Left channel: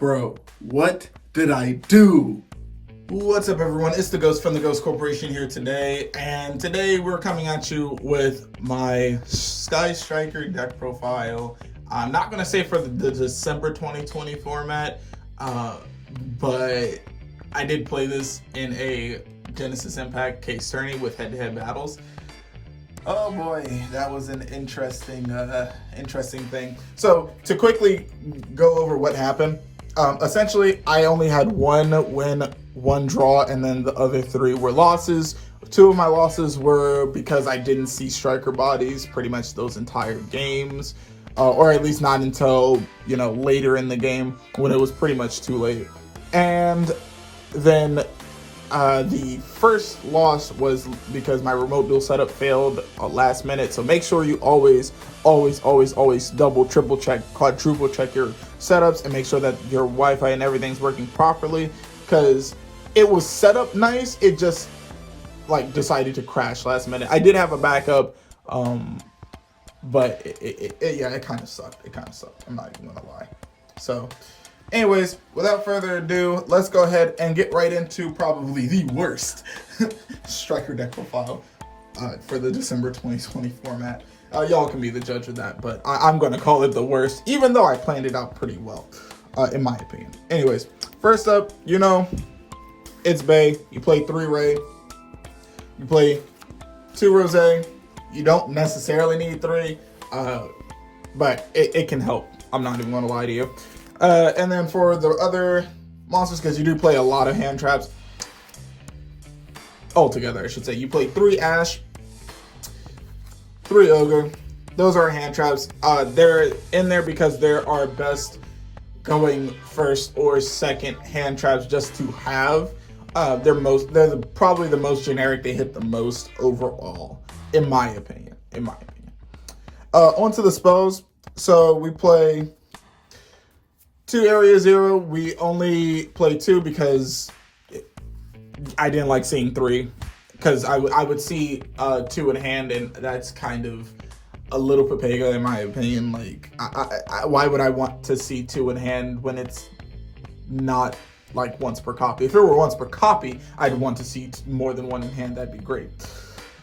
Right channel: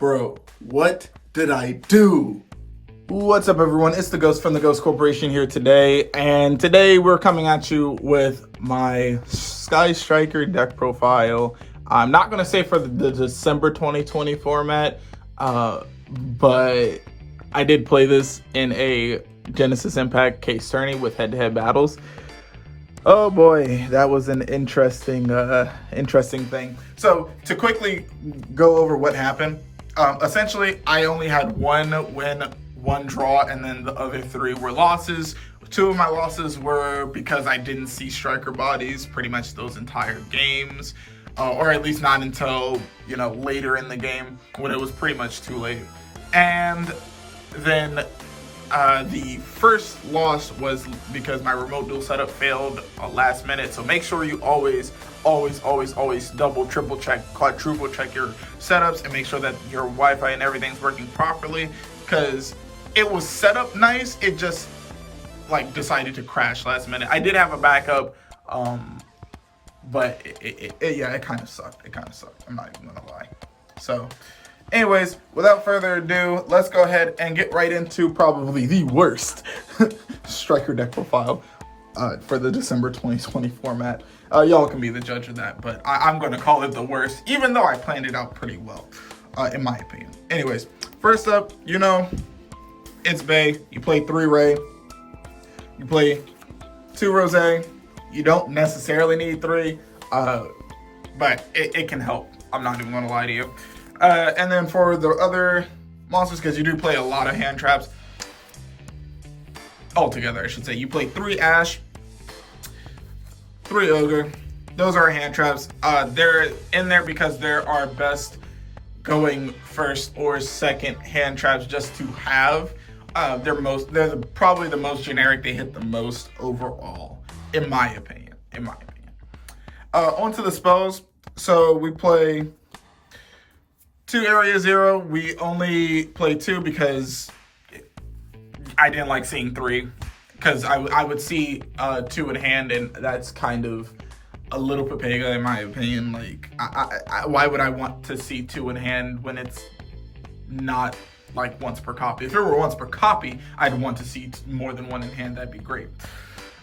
Bro, what did I do? What's up, everyone? It's the Ghost from the Ghost Corporation here today, and today we're coming at you with my Sky Striker deck profile. I'm not gonna say for the December 2020 format, but I did play this in a Genesis Impact case tourney with head-to-head battles. Oh boy, that was an interesting thing. So to quickly go over what happened, essentially I only had one win, one draw, and then the other three were losses. Two of my losses were because I didn't see striker bodies pretty much those entire games, or at least not until, later in the game when it was pretty much too late. And then the first loss was because my remote duel setup failed last minute. So make sure you always double, triple check, quadruple check your setups and make sure that your Wi-Fi and everything's working properly, because it was set up nice. It just decided to crash last minute. I did have a backup, but it kind of sucked. I'm not even gonna lie. So anyways, without further ado, let's go ahead and get right into probably the worst striker deck profile for the December 2020 format. Y'all can be the judge of that, but I'm going to call it the worst, even though I planned it out pretty well, in my opinion. Anyways, first up, it's Bay. You play 3 Ray. You play 2 Rose. You don't necessarily need 3, but it can help. I'm not even going to lie to you. And then for the other monsters, because you do play a lot of hand traps, altogether I should say, you play 3 Ash, 3 Ogre. Those are hand traps. They're in there because they're our best going first or second hand traps just to have. They're probably the most generic. They hit the most overall, in my opinion. On to the spells. So we play 2 Area 0. We only play 2 because I didn't like seeing 3, because I would see 2 in hand, and that's kind of a little papega in my opinion. Why would I want to see 2 in hand when it's not once per copy? If it were once per copy, I'd want to see more than 1 in hand. That'd be great.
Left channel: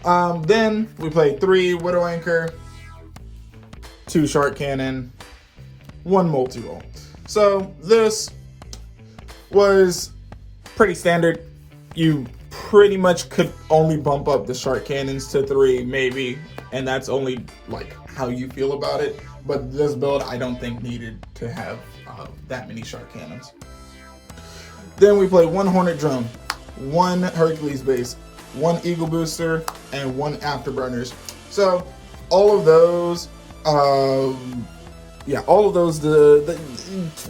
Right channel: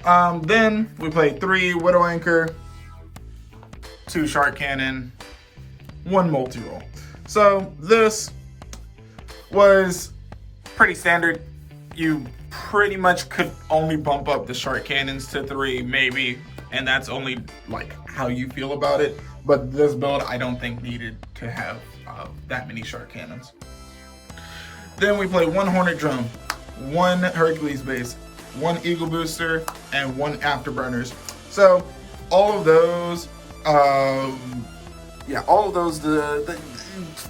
Then we play 3 Widow Anchor, 2 Shark Cannon, 1 multi-roll. So this was pretty standard. You pretty much could only bump up the shark cannons to 3 maybe, and that's only how you feel about it. But this build I don't think needed to have that many shark cannons. Then we play 1 Hornet Drone, 1 Hercules base, 1 Eagle Booster, and 1 Afterburners. So all of those,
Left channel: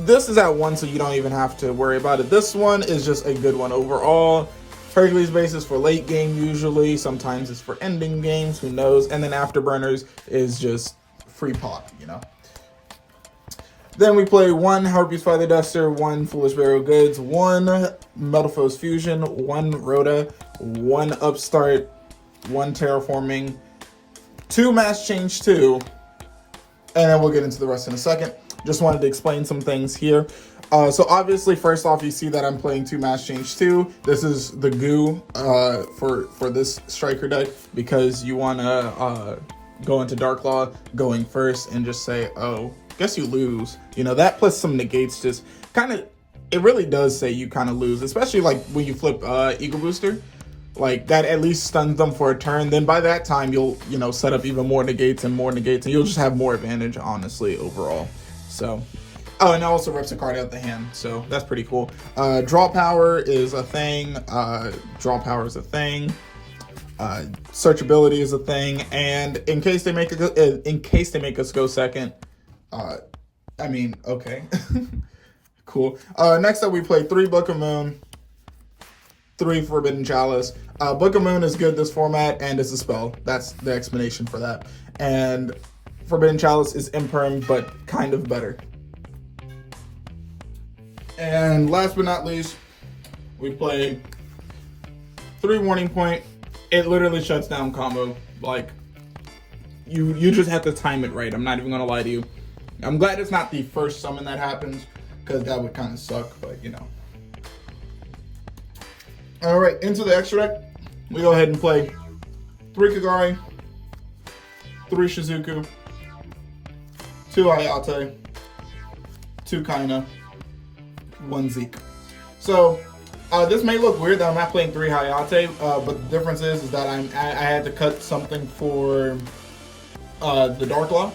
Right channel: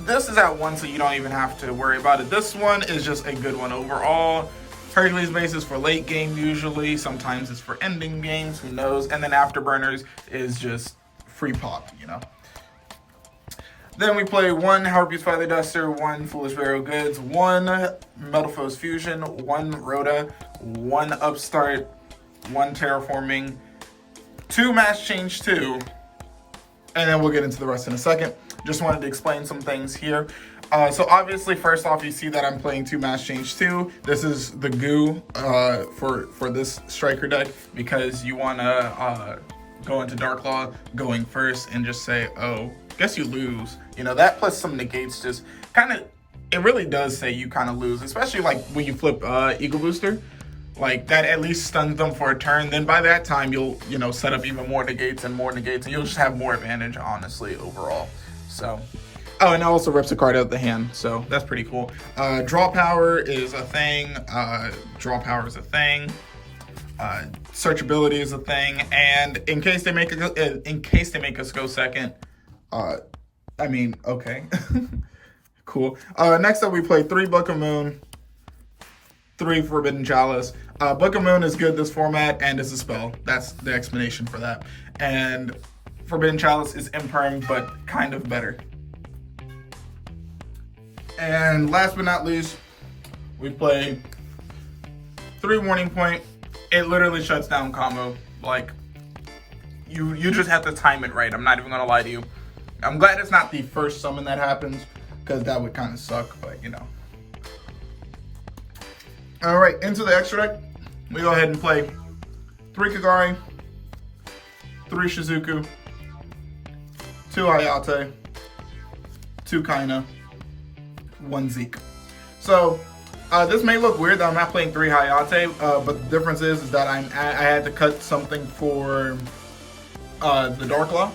this is at 1, so you don't even have to worry about it. This one is just a good one overall. Hercules base is for late game usually. Sometimes it's for ending games, who knows. And then Afterburners is just free pop, Then we play 1 Harpy's Feather Duster, 1 Foolish Burial Goods, 1 Metal Foes Fusion, 1 Rhoda, 1 Upstart, 1 Terraforming, 2 Mass Change 2, and then we'll get into the rest in a second. Just wanted to explain some things here. So obviously, first off, you see that I'm playing 2 Mass Change 2. This is the goo for this striker deck, because you want to go into Dark Law going first and just say, oh, guess you lose. That plus some negates just kind of, it really does say you kind of lose, especially when you flip Eagle Booster. That at least stuns them for a turn. Then by that time, you'll, set up even more negates, and you'll just have more advantage, honestly, overall. So, oh, and it also rips a card out of the hand, so that's pretty cool. Draw power is a thing. Searchability is a thing, and in case they make us go second, okay, cool. Next up, we play 3 Book of Moon, 3 Forbidden Chalice. Book of Moon is good this format, and it's a spell. That's the explanation for that. And Forbidden Chalice is imperm, but kind of better. And last but not least, we play 3 Warning Point. It literally shuts down combo. You just have to time it right. I'm not even gonna lie to you. I'm glad it's not the first summon that happens, because that would kind of suck, but you know. All right, into the extra deck. We go ahead and play 3 Kagari, 3 Shizuku, 2 Hayate, 2 Kaina, 1 Zeke. So this may look weird that I'm not playing 3 Hayate, but the difference is that I had to cut something for the Dark Law,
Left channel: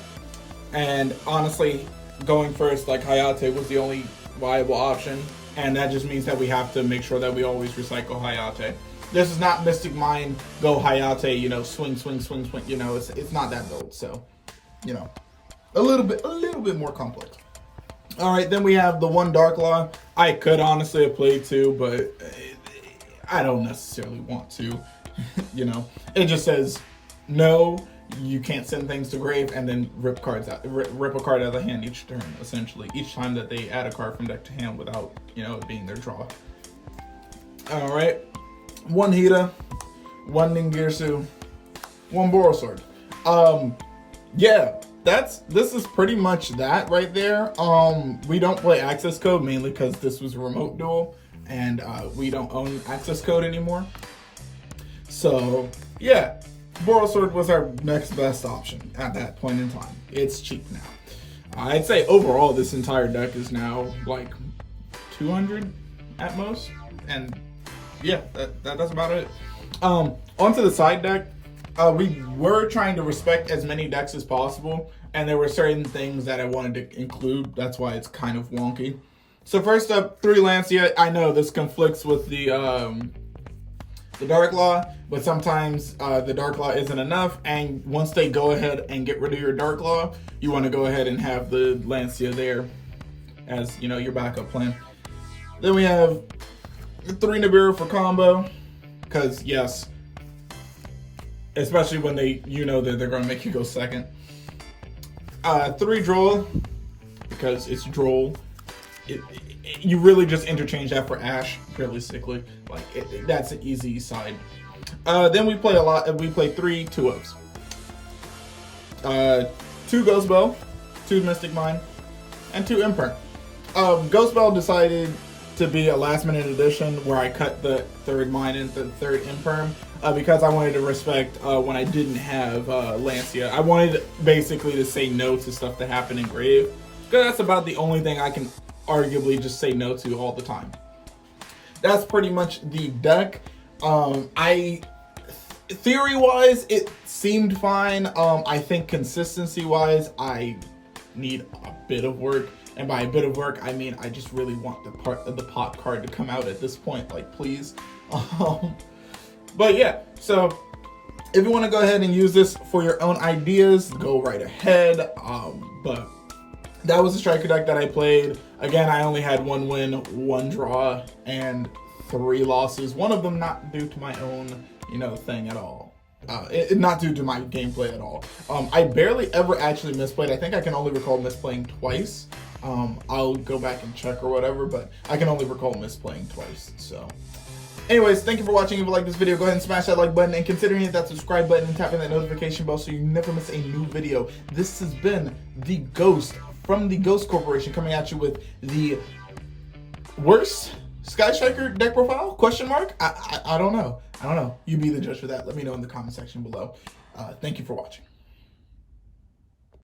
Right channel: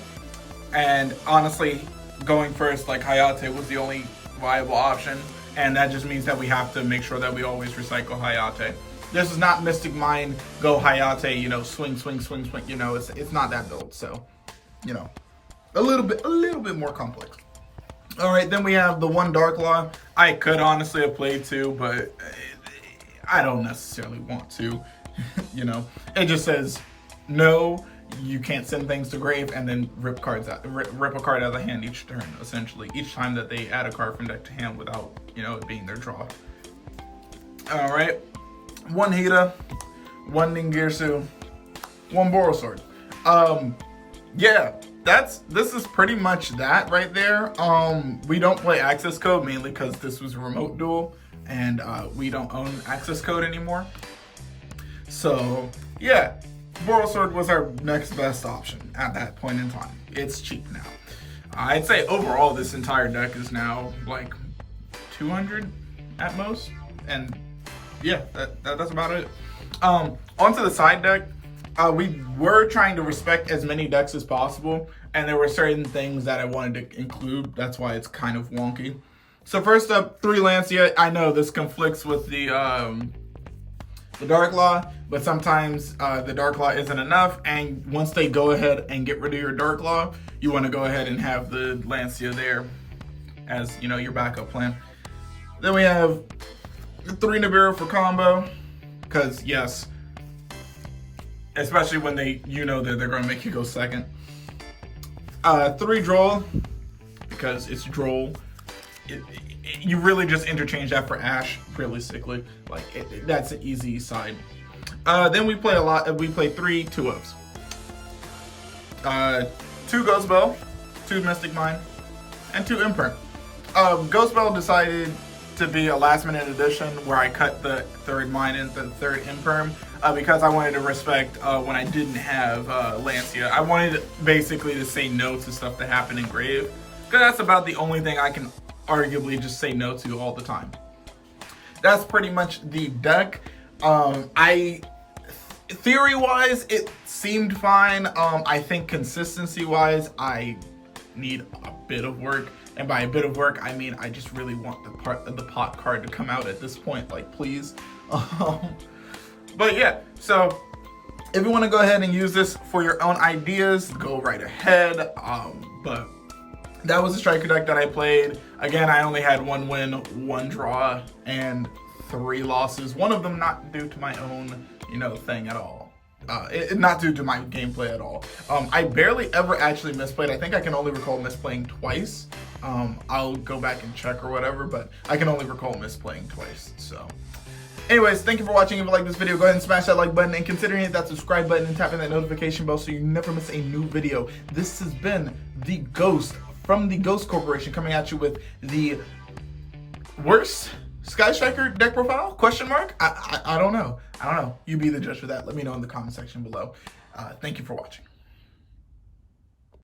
and honestly, going first like Hayate was the only viable option, and that just means that we have to make sure that we always recycle Hayate. This is not Mystic Mind, go Hayate, you know, swing, you know, it's not that build, so, you know, a little bit more complex. All right, then we have the 1 Dark Law. I could honestly have played 2, but I don't necessarily want to, you know. It just says, no, you can't send things to grave, and then rip a card out of the hand each turn, essentially. Each time that they add a card from deck to hand without, you know, it being their draw. All right, 1 Hida, 1 Ningirsu, 1 Borosword. Yeah, this is pretty much that right there. We don't play access code mainly because this was a remote duel, and we don't own access code anymore. So yeah, Borosword was our next best option at that point in time. It's cheap now. I'd say overall this entire deck is now like 200 at most, and yeah, that's about it. Onto the side deck. We were trying to respect as many decks as possible, and there were certain things that I wanted to include. That's why it's kind of wonky. So first up, 3 Lancia. I know this conflicts with the Dark Law, but sometimes the Dark Law isn't enough, and once they go ahead and get rid of your Dark Law, you want to go ahead and have the Lancia there as, you know, your backup plan. Then we have 3 Nibiru for combo, because yes, especially when you know that they're going to make you go second. 3 Droll, because it's Droll. You really just interchange that for Ash, realistically. Like, that's an easy side. Then we play 3 2-ups. 2 Ghost Bell, 2 Mystic Mine, and 2 Imperm. Ghost Bell decided to be a last minute addition where I cut the 3rd mine and the 3rd Imperm because I wanted to respect when I didn't have Lancia. I wanted basically to say no to stuff that happened in Grave, because that's about the only thing I can arguably just say no to all the time. That's pretty much the deck. Theory-wise, it seemed fine. I think consistency-wise, I need a bit of work. And by a bit of work, I mean I just really want the pot card to come out at this point, like, please. But yeah, so if you want to go ahead and use this for your own ideas, go right ahead. But that was the striker deck that I played. Again, I only had 1 win, 1 draw, and 3 losses. One of them not due to my own, you know, thing at all. Not due to my gameplay at all. I barely ever actually misplayed. I think I can only recall misplaying twice. I'll go back and check or whatever, but I can only recall misplaying twice. So anyways, thank you for watching. If you like this video, go ahead and smash that like button and consider hitting that subscribe button and tapping that notification bell so you never miss a new video. This has been the Ghost from the Ghost Corporation, coming at you with the worst Sky Striker deck profile? Question mark? I don't know. You be the judge for that. Let me know in the comment section below. Thank you for watching.